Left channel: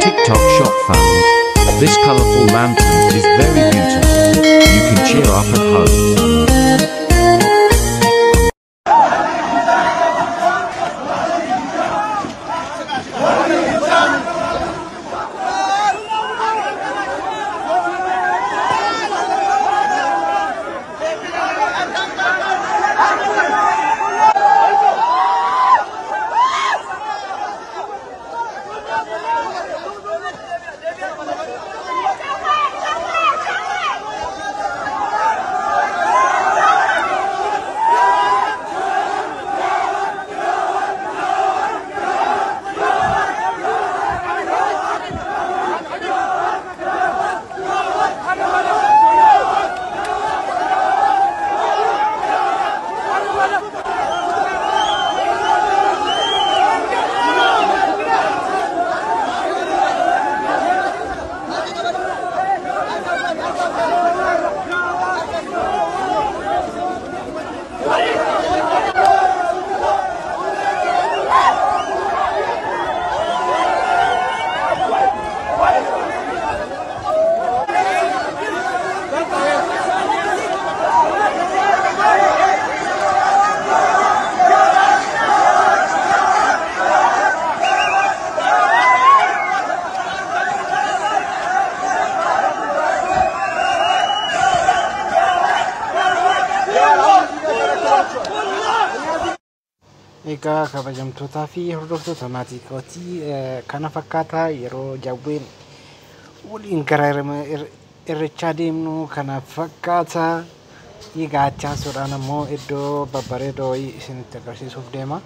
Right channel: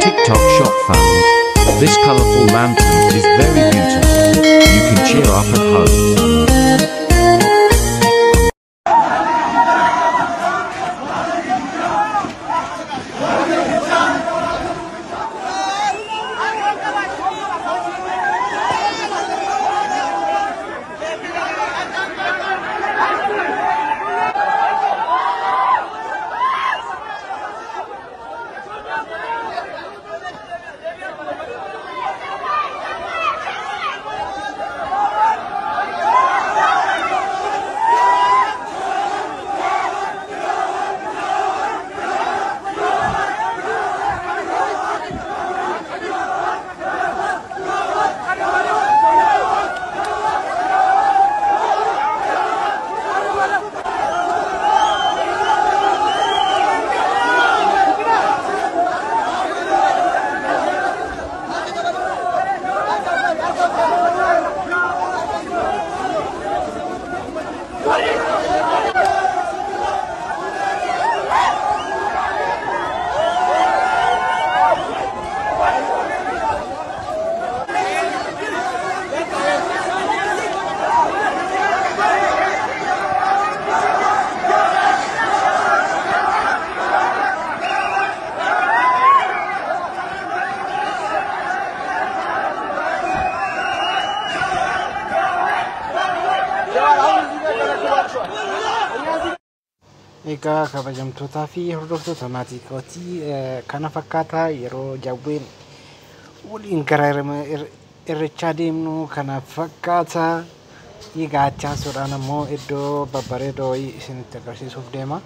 TikTok shop found. This colorful lantern is very beautiful. You can cheer up at home. Egaa kabajamtootaa fi hordoftoota maatii kootii kana fakkaataa yeroo jawween waliin gara irreechaa deemnu kana fakkaataa. Egaa achaa sodaan ammoo iddoo babbareedoo isinitti agarsiisuuf deema.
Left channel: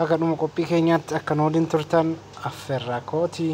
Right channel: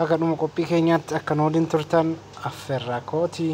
Akka dhuma qophii keenyaatti akka nu waliin turtan affeerraa kootii.